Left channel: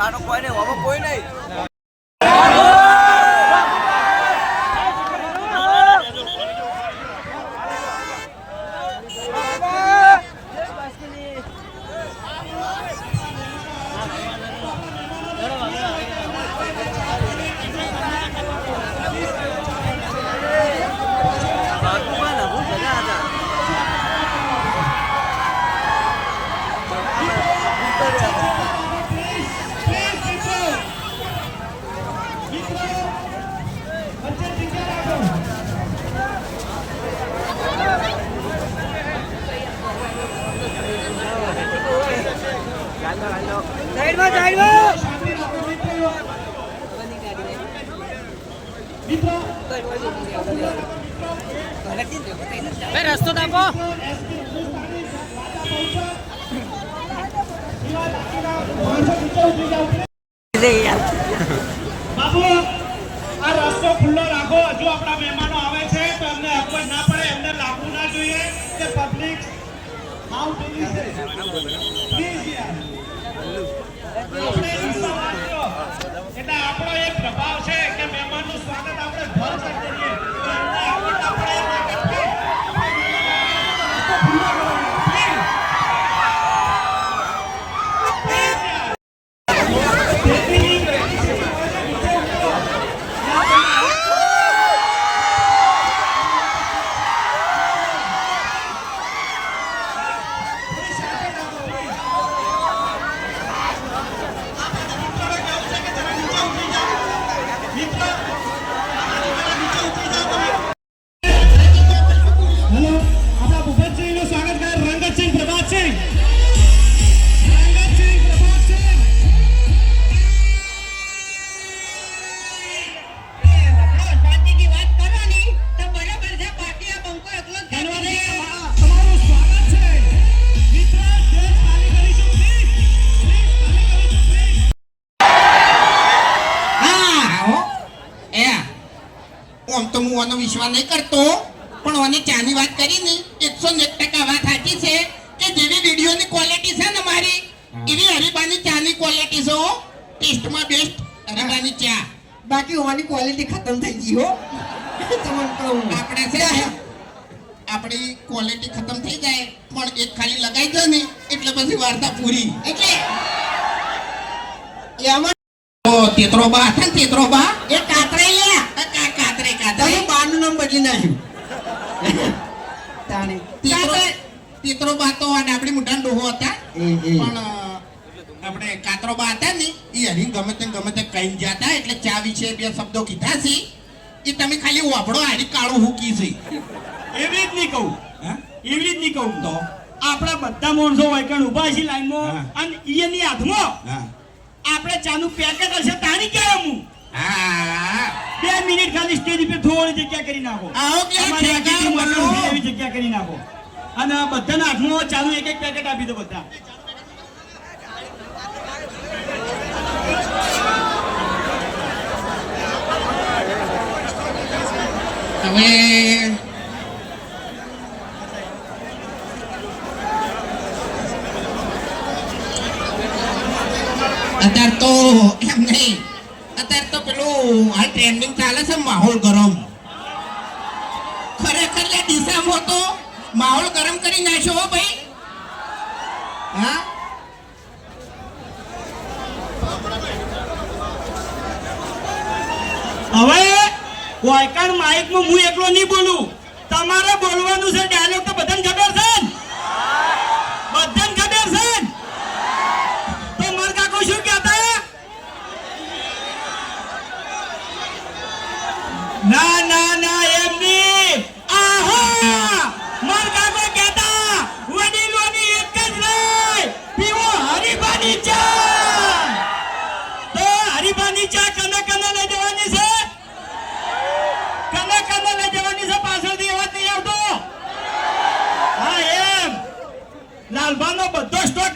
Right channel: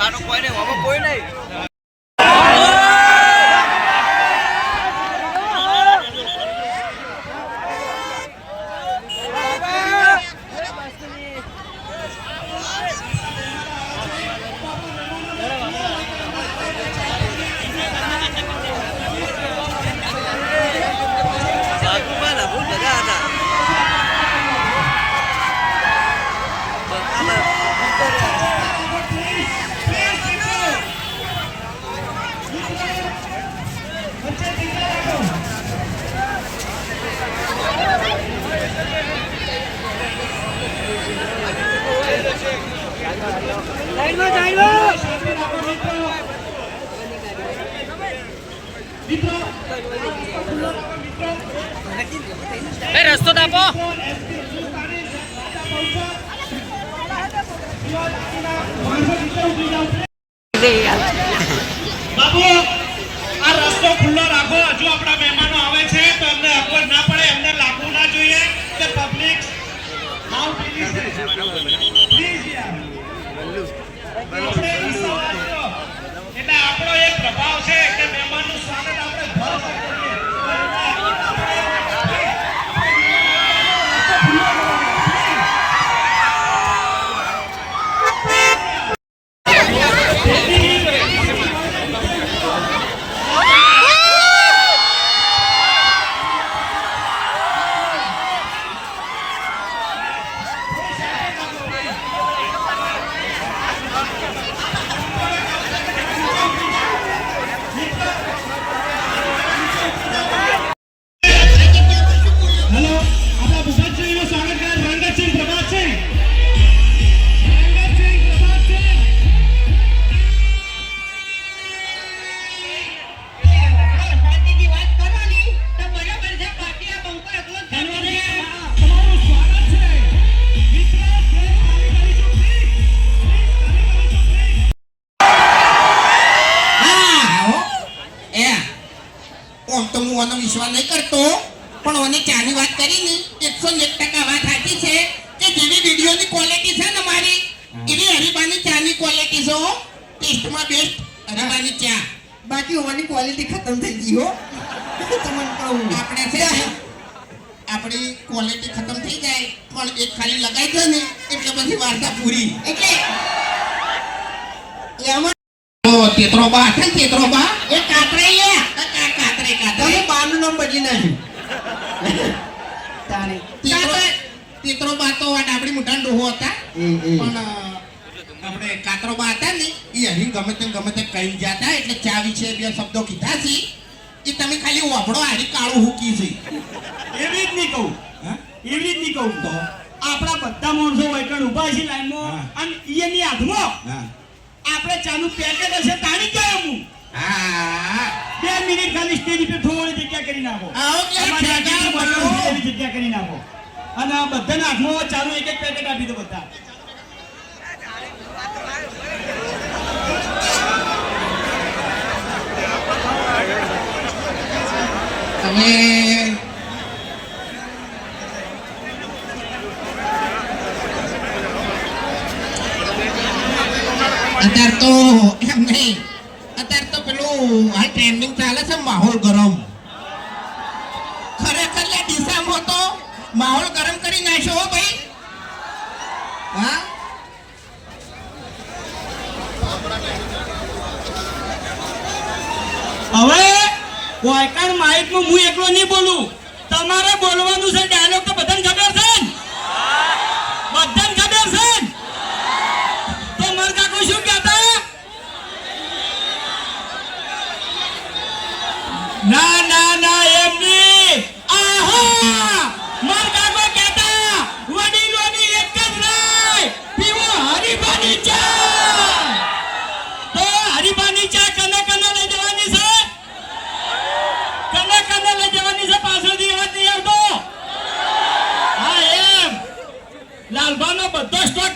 આનો કોઈ નહીં, હવે કોઈ નહીં. રસ્તો આપો. બાબુ આ રસ્તો ખુલ્લો રાખો. હજુ આપણા મહેમાનો આવે છે તો અમને અપવાદ ના પડે, એમને લાગવું ના જોઈએ કે પબ્લિક આઉટ પ્લીઝ યાર. એટલે આપણો એક પ્રભાવ છે કે મહેમાનનું સ્વાગત આપણે ભરપૂર કરીએ. વિશ્વાસ નહીં કરતો પણ ઓની ચાની વાત કરી ને 101% વાત સાચી છે કે જેવી વિડિયોની ક્વોલિટી છે ને મારી એવી હરીબાની ચાની ક્વોલિટી છે. ટેસ્ટમાં બેસ્ટ હરીબાની ચા. બાકી ઓની ક્વોલિટી ખતમ થઈ ગઈ હો. તમને કહું આપણે છે આપણી ક્વોલિટી ખતમ થઈ જાય પણ એક ખાલી લગાઈ દે ને એટલે બધી વાર્તા પૂરી. એટલે એમાં તેતરો બા હતા ને તેતરો બા એ કાતરાઈ કાતરે બાનું નામ બદલી નાખ્યું. તેતરો બા તો ડાબડી મુઠાન ડોહો હતા પણ આપણે કાતરો બા હતા ને એ હરી ગમે તે કઈ જતા એટલે ચા વિશે બે શબ્દો કીધા છે એ તમે ખાલી વાપડો હારી કાળું હુકી છે. એવી જ નહીં કહું, એવી જ નહીં કહું. તો આપણા બધા માણસો વાયકણ ઉભા છે લાઈનમાં અને એની હાથમાં આપણે ચાનું પેકેટ હશે તાણી કે હું 2 મિનિટ ખાલી સ્ટેજ પર થોડી જગ્યા કરી નાખો. એવી જગ્યા કરી નાખો અને આ બધાના હાથમાં ચાલુ એક પેકેટ આપી દો બધા. હવે અત્યારે તો એમ નહીં, અત્યારે તો પેલું હાલ ટ્રેન્ડિંગ ચાલે છે માહોલ ગરમ. ખરેખર લે ડીસામાં તો માહોલ ગરમ કરી નાખ્યો હો ભાઈ. હા હવે વાયકાણ માઇકમાં હું એકલો નહીં બોલું, તમારે બોલવાનું છે. ડાયલોગ તો બધાને ખબર છે, બધાને ખબર છે. તો માર કાકો શું કહેતા? ના ના ના એમ નહીં. આહા માર કાકો કહેતા વડીલોની એક જ રાય પીવો હરીબાની ચા. તો હરીબાની ચા કને કને લઈ જવાની છે? કને કને લઈ જવાની છે? પાછળથી અવાજ નહીં આવતો. હા એમ લાલભાનો બધો સ્ટોક